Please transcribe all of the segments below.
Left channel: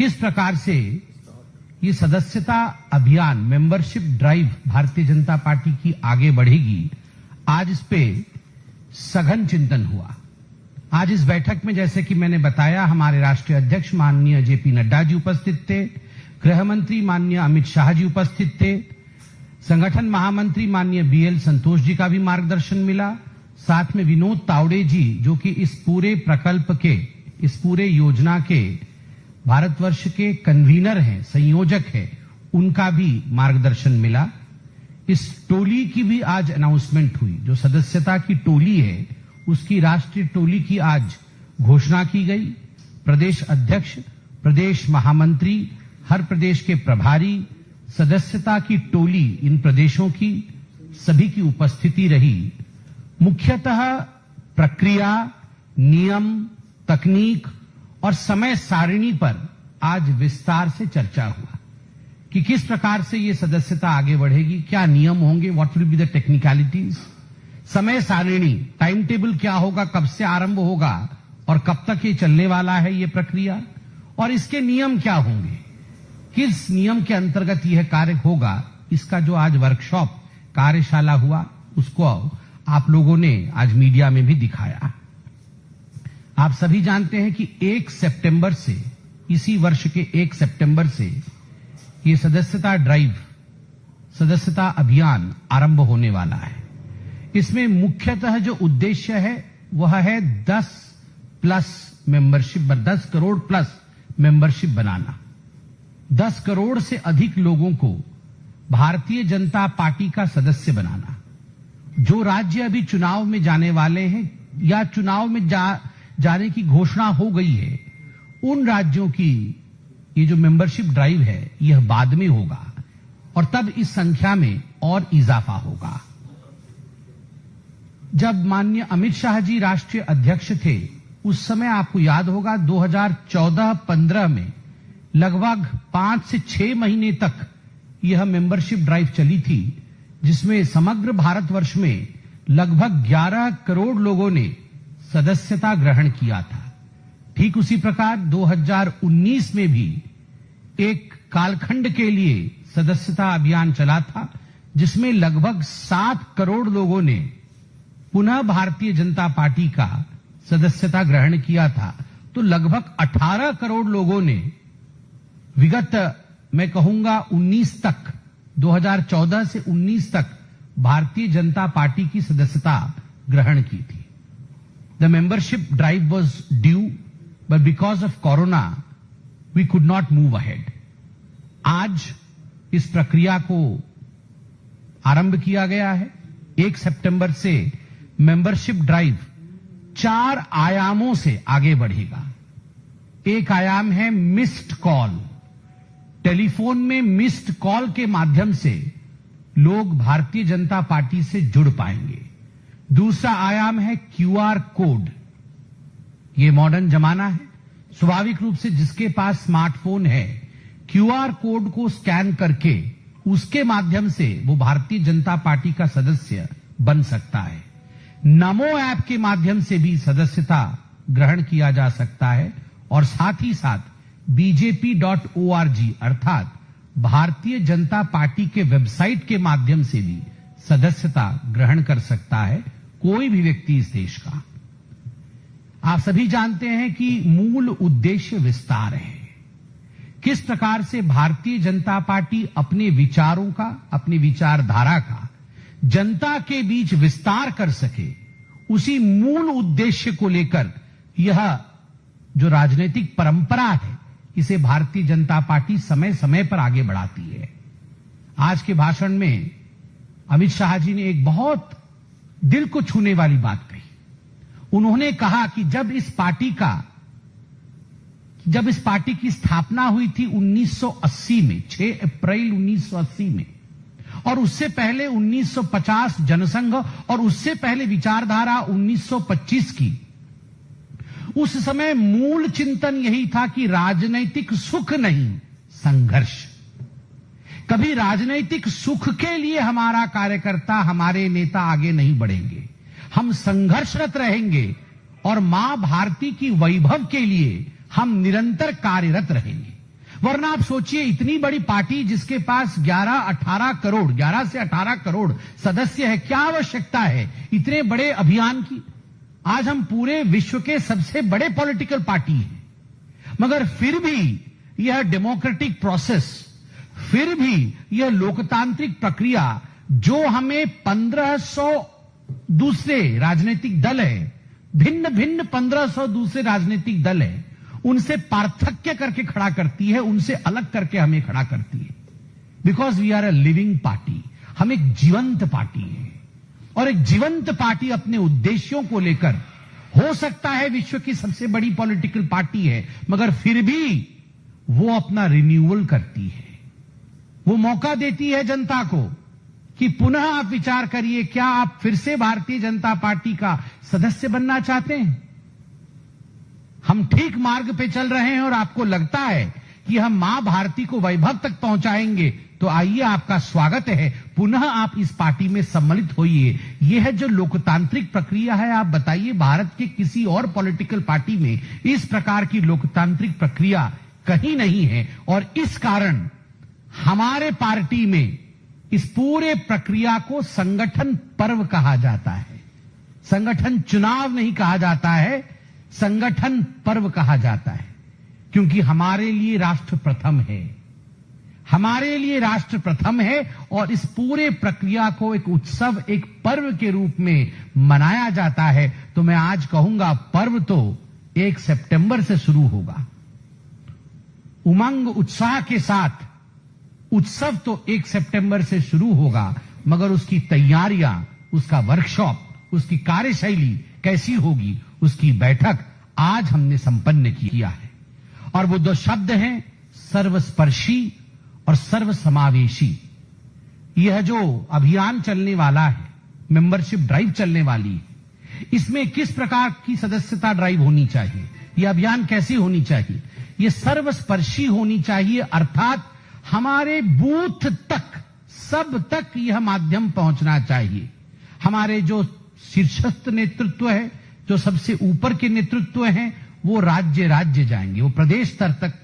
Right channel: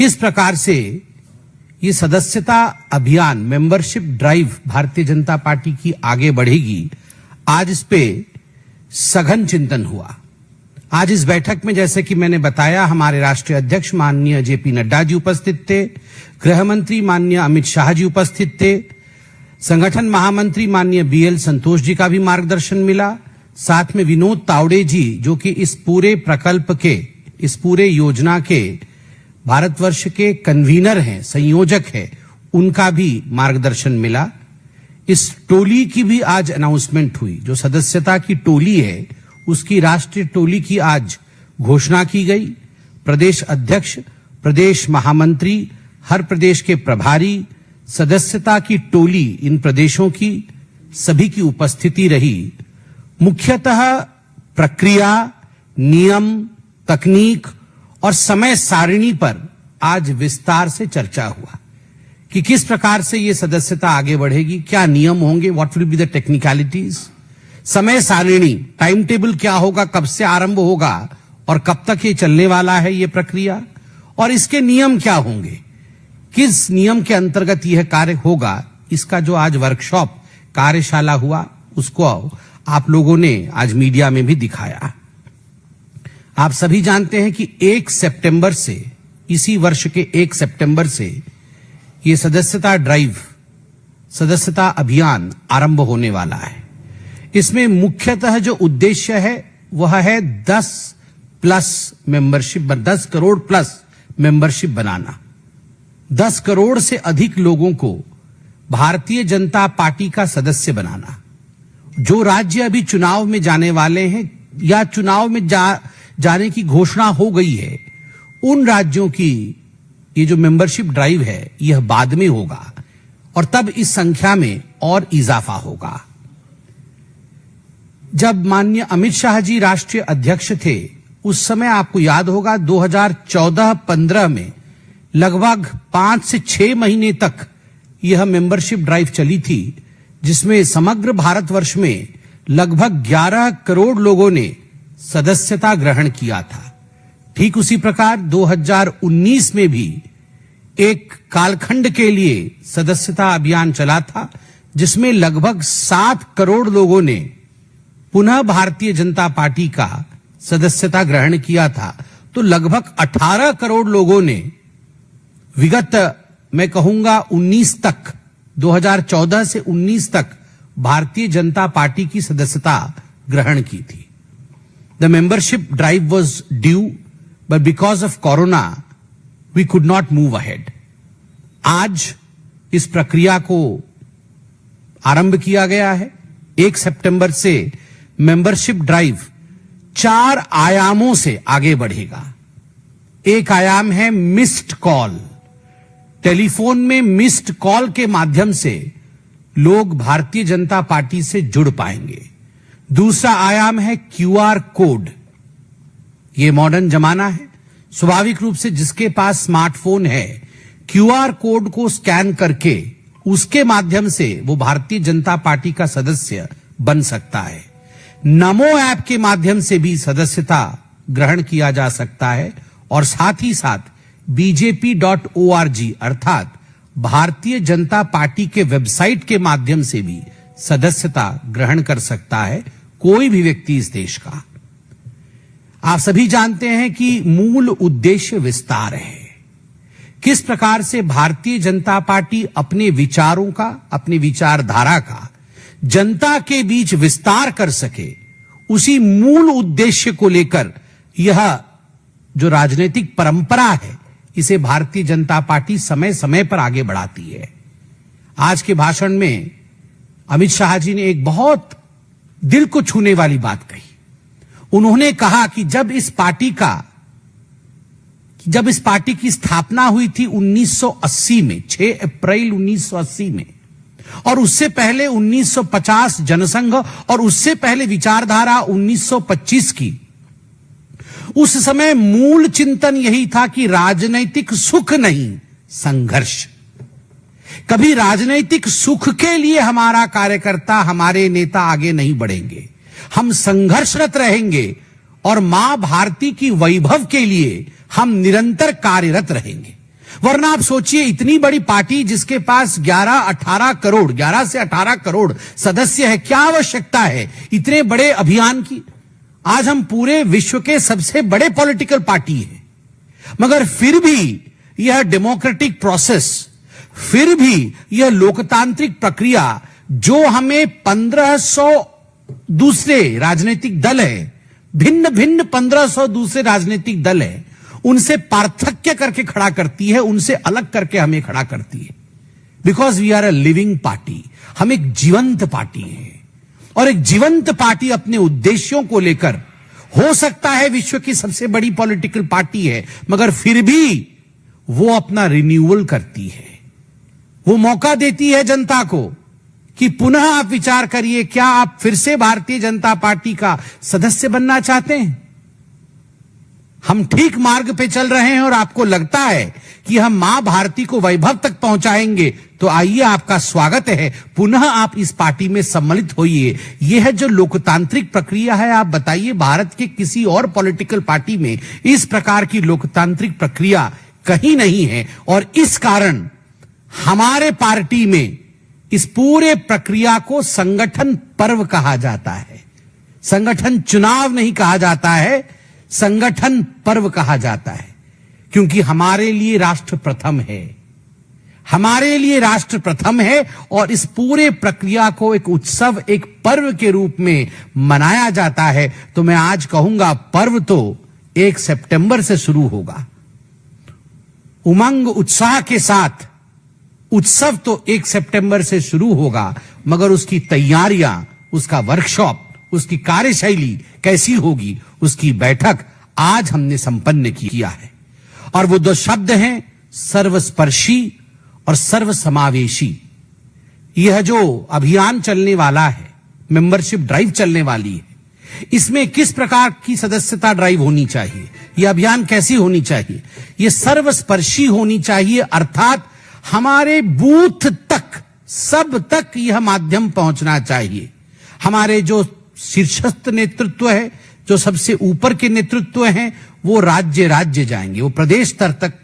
किस प्रकार से ये सदस्यता अभियान, membership drive Bharatiya Janata party की आगे बढ़ेगी, आज इस पे सघन चिंतन हुआ। आज इस बैठक में, जैसे कि मैंने बताया, हमारे राष्ट्रीय अध्यक्ष माननीय जेपी नड्डा जी उपस्थित थे, गृह मंत्री माननीय अमित शाह जी उपस्थित थे, संगठन महामंत्री माननीय बीएल संतोष जी का भी मार्गदर्शन मिला, साथ में विनोद तावड़े जी, जो कि इस पूरे प्रकल्प के, इस पूरे योजना के भारतवर्ष के कन्वीनर हैं, संयोजक हैं, उनका भी मार्गदर्शन मिला। इस टोली की भी आज अनाउंसमेंट हुई। जो सदस्यता की टोली है, उसकी राष्ट्रीय टोली की आज घोषणा की गई। प्रदेश अध्यक्ष, प्रदेश महामंत्री, हर प्रदेश के प्रभारी, सदस्यता की टोली, इन प्रदेशों की सभी की उपस्थिति रही। मुख्यतः प्रक्रिया, नियम, तकनीक और समय सारिणी पर आज विस्तार से चर्चा हुआ कि किस प्रकार से ये सदस्यता आगे बढ़ेगी, क्या नियम होंगे, what will be the technicalities, समय सारिणी, टाइम टेबल क्या होगा, कब से आरंभ होगा और कब तक ये चलने वाला है ये प्रक्रिया, और इसके नियम क्या होंगे, किस नियम के अंतर्गत यह कार्य होगा। इसका जो आज वर्कशॉप, कार्यशाला हुआ, उसको आप लोगों ने आज मीडिया में भी दिखाया। आप सभी जानते हैं कि 1 सितंबर से, इसी वर्ष के 1 सितंबर से ये सदस्यता ड्राइव, सदस्यता अभियान आरंभ होने वाला है। इसमें मुख्यतः जो उद्देश्य है वह है 10 करोड़ प्लस मेंबरशिप बनाना, 10 करोड़ से अधिक लोगों को भारतीय जनता पार्टी का सदस्य बनाना। जो राज्य अभी चुनाव में जाने वाले हैं या चुनाव में जाने की घोषणा हो गई है, उन राज्यों की ये जो मेंबरशिप ड्राइव है यह बाद में होगा और तब इस संख्या में और इजाफा होगा। जब माननीय अमित शाह जी राष्ट्रीय अध्यक्ष थे, उस समय आपको याद होगा 2014-15 में लगभग 5 से 6 महीने तक यह मेंबरशिप ड्राइव चली थी, जिसमें समग्र भारतवर्ष में लगभग 11 करोड़ लोगों ने सदस्यता ग्रहण किया था। ठीक उसी प्रकार 2019 में भी एक कालखंड के लिए सदस्यता अभियान चला था, जिसमें लगभग 7 करोड़ लोगों ने पुनः भारतीय जनता पार्टी का सदस्यता ग्रहण किया था। तो लगभग 18 करोड़ लोगों ने विगत, मैं कहूंगा 19 तक, 2014 से 19 तक भारतीय जनता पार्टी की सदस्यता ग्रहण की थी। The membership drive was due, but because of Corona, we could not move ahead. आज इस प्रक्रिया को आरंभ किया गया है। 1 सितंबर से मेंबरशिप ड्राइव 4 आयामों से आगे बढ़ेगा। एक आयाम है मिस्ड कॉल। टेलीफोन में मिस्ड कॉल के माध्यम से लोग भारतीय जनता पार्टी से जुड़ पाएंगे। दूसरा आयाम है क्यूआर कोड। ये मॉडर्न जमाना है, स्वाभाविक रूप से जिसके पास स्मार्टफोन है, क्यूआर कोड को स्कैन करके उसके माध्यम से वो भारतीय जनता पार्टी का सदस्य बन सकता है। नमो ऐप के माध्यम से भी सदस्यता ग्रहण किया जा सकता है और साथ ही साथ bjp.org अर्थात भारतीय जनता पार्टी के वेबसाइट के माध्यम से भी सदस्यता ग्रहण कर सकता है कोई भी व्यक्ति इस देश का। आप सभी जानते हैं कि मूल उद्देश्य विस्तार है। किस प्रकार से भारतीय जनता पार्टी अपने विचारों का, अपने विचारधारा का जनता के बीच विस्तार कर सके, उसी मूल उद्देश्य को लेकर यह जो राजनीतिक परंपरा है, इसे भारतीय जनता पार्टी समय समय पर आगे बढ़ाती है। आज के भाषण में अमित शाह जी ने एक बहुत दिल को छूने वाली बात कही। उन्होंने कहा कि जब इस पार्टी की स्थापना हुई थी 1980 में, 6 अप्रैल 1980 में, और उससे पहले 1950 जनसंघ और उससे पहले विचारधारा 1925 की, उस समय मूल चिंतन यही था कि राजनैतिक सुख नहीं, संघर्ष। कभी राजनैतिक सुख के लिए हमारा कार्यकर्ता, हमारे नेता आगे नहीं बढ़ेंगे, हम संघर्षरत रहेंगे और मां भारती की वैभव के लिए हम निरंतर कार्यरत रहेंगे। वरना आप सोचिए, इतनी बड़ी पार्टी जिसके पास 11 से 18 करोड़ सदस्य है, क्या आवश्यकता है इतने बड़े अभियान की। आज हम पूरे विश्व के सबसे बड़े पॉलिटिकल पार्टी है, मगर फिर भी यह डेमोक्रेटिक प्रोसेस, फिर भी यह लोकतांत्रिक प्रक्रिया जो हमें 1500 दूसरे राजनीतिक दल है, भिन्न भिन्न 1500 दूसरे राजनीतिक दल है, उनसे पार्थक्य करके खड़ा करती है, उनसे अलग करके हमें खड़ा करती है। Because we are a living party, हम एक जीवंत पार्टी है, और एक जीवंत पार्टी अपने उद्देश्यों को लेकर हो सकता है विश्व की सबसे बड़ी पॉलिटिकल पार्टी है, मगर फिर भी वो अपना रिन्यूअल करती है, वो मौका देती है जनता को कि पुनः आप विचार करिए, क्या आप फिर से भारतीय जनता पार्टी का सदस्य बनना चाहते हैं। हम ठीक मार्ग पे चल रहे हैं और आपको लगता है कि हम मां भारती को वैभव तक पहुंचाएंगे, तो आइए, आपका स्वागत है, पुनः आप इस पार्टी में सम्मिलित होइए। यह है जो लोकतांत्रिक प्रक्रिया है। आप बताइए, भारत के किसी और पॉलिटिकल पार्टी में इस प्रकार की लोकतांत्रिक प्रक्रिया कहीं नहीं है, और इस कारण हमारे पार्टी में इस पूरे प्रक्रिया को संगठन पर्व कहा जाता है। संगठन चुनाव नहीं कहा जाता है, संगठन पर्व कहा जाता है, क्योंकि हमारे लिए राष्ट्र प्रथम है, हमारे लिए राष्ट्र प्रथम है, और इस पूरे प्रक्रिया को एक उत्सव, एक पर्व के रूप में मनाया जाता है। तो मैं आज कहूंगा, पर्व तो 1 सितंबर से शुरू होगा, उमंग उत्साह के साथ उत्सव तो 1 सितंबर से शुरू होगा, मगर उसकी तैयारियां, उसका वर्कशॉप, उसकी कार्यशैली कैसी होगी, उसकी बैठक आज हमने संपन्न किया है। और वो 2 शब्द हैं, सर्वस्पर्शी और सर्वसमावेशी। यह जो अभियान चलने वाला है, मेंबरशिप ड्राइव चलने वाली है, इसमें किस प्रकार की सदस्यता ड्राइव होनी चाहिए, यह अभियान कैसी होनी चाहिए, यह सर्वस्पर्शी होनी चाहिए, अर्थात हमारे बूथ तक, सब तक यह माध्यम पहुंचना चाहिए। हमारे जो शीर्षस्थ नेतृत्व है, जो सबसे ऊपर के नेतृत्व हैं, वो राज्य राज्य जाएंगे, वो प्रदेश स्तर तक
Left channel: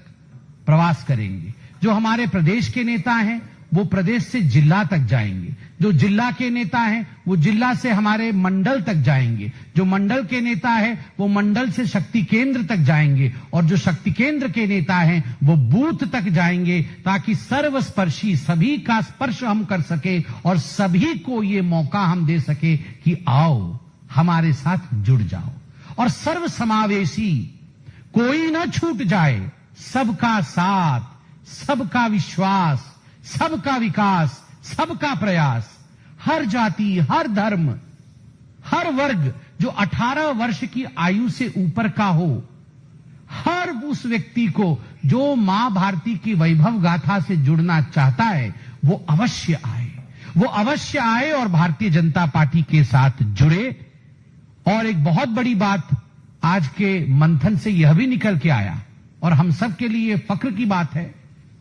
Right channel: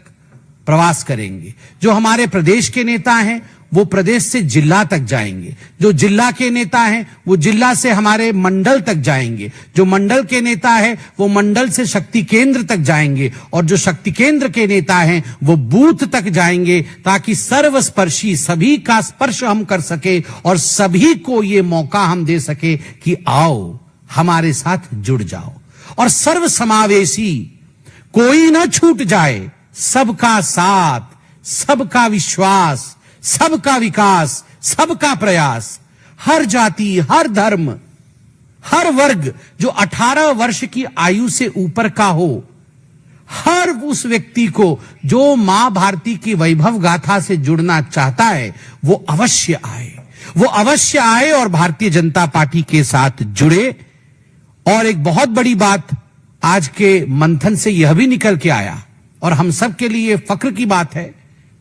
प्रवास करेंगे। जो हमारे प्रदेश के नेता हैं, वो प्रदेश से जिला तक जाएंगे। जो जिला के नेता हैं, वो जिला से हमारे मंडल तक जाएंगे। जो मंडल के नेता है, वो मंडल से शक्ति केंद्र तक जाएंगे। और जो शक्ति केंद्र के नेता हैं, वो बूथ तक जाएंगे, ताकि सर्वस्पर्शी, सभी का स्पर्श हम कर सके और सभी को ये मौका हम दे सके कि आओ, हमारे साथ जुड़ जाओ। और सर्वसमावेशी, कोई ना छूट जाए, सबका साथ, सबका विश्वास, सबका विकास, सबका प्रयास, हर जाति, हर धर्म, हर वर्ग जो 18 वर्ष की आयु से ऊपर का हो, हर उस व्यक्ति को जो मां भारती की वैभव गाथा से जुड़ना चाहता है, वो अवश्य आए, वो अवश्य आए और भारतीय जनता पार्टी के साथ जुड़े। और एक बहुत बड़ी बात आज के मंथन से यह भी निकल के आया, और हम सब के लिए फक्र की बात है,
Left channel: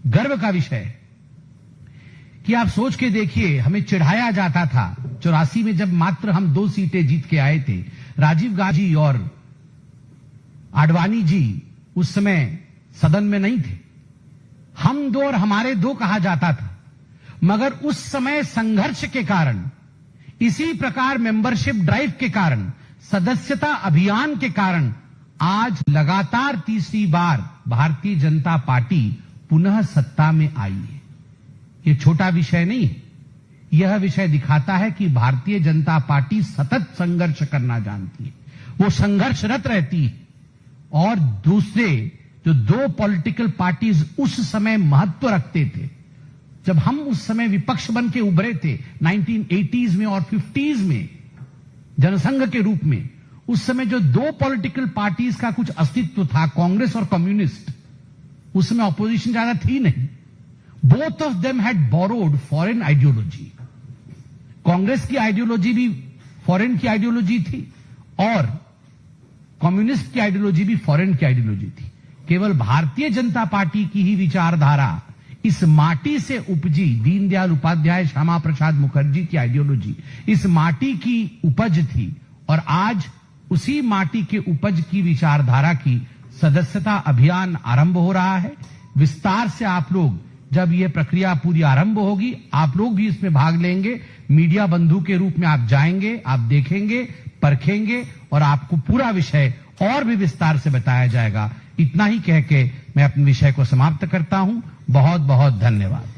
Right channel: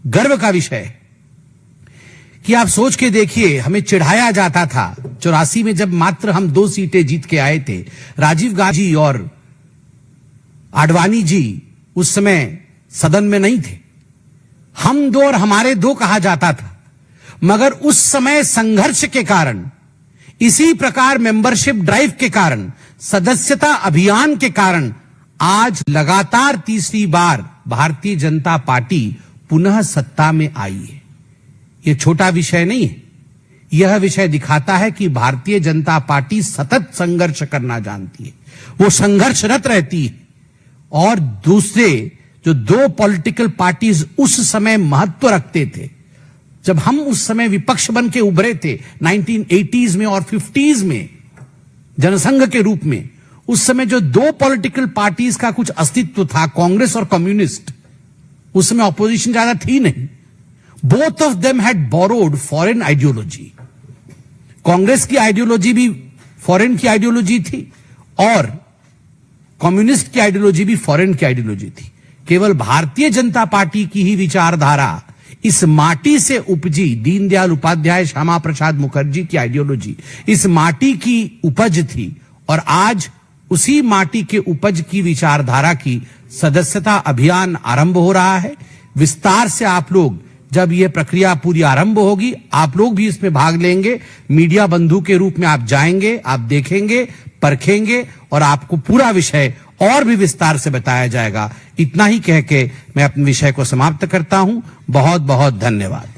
गर्व का विषय है, कि आप सोच के देखिए, हमें चिढ़ाया जाता था 84 में, जब मात्र हम 2 सीटें जीत के आए थे। राजीव गांधी और आडवाणी जी उस समय सदन में नहीं थे, हम 2 और हमारे 2 कहा जाता था। मगर उस समय संघर्ष के कारण, इसी प्रकार मेंबरशिप ड्राइव के कारण, सदस्यता अभियान के कारण आज लगातार तीसरी बार भारतीय जनता पार्टी पुनः सत्ता में आई है। यह छोटा विषय नहीं है। यह विषय दिखाता है कि भारतीय जनता पार्टी सतत संघर्ष करना जानती है, वो संघर्षरत रहती है। और दूसरे जो 2 पॉलिटिकल पार्टीज उस समय महत्व रखते थे, जब हम उस समय विपक्ष बन के उभरे थे 1980s में और 50s में जनसंघ के रूप में, उस समय जो 2 पॉलिटिकल पार्टीज का कुछ अस्तित्व था, कांग्रेस और कम्युनिस्ट, उस समय ऑपोजिशन ज्यादा थी नहीं। Both of them had borrowed foreign ideology. Congress की आइडियोलॉजी भी फॉरेन की आइडियोलॉजी थी और कम्युनिस्ट की आइडियोलॉजी भी फॉरेन की आइडियोलॉजी थी। केवल भारतीय जनता पार्टी की ही विचारधारा, इस माटी से उपजी, दीनदयाल उपाध्याय, श्यामा प्रसाद मुखर्जी की आइडियोलॉजी इस माटी की उपज थी। और आज उसी माटी के उपज की विचारधारा की सदस्यता अभियान आरंभ हो रहा है। विस्तार से आप लोग, जब ये प्रक्रिया पूरी आरंभ होगी, आप लोग भी इसमें भाग लेंगे। मीडिया बंधु के रूप में आप जाएंगे, आप देखेंगे, परखेंगे और आपको पूरा विषय और भी विस्तार से बताया जाएगा। इतना ही कह के मैं अपने विषय को समाप्त करता हूं। बहुत बहुत धन्यवाद।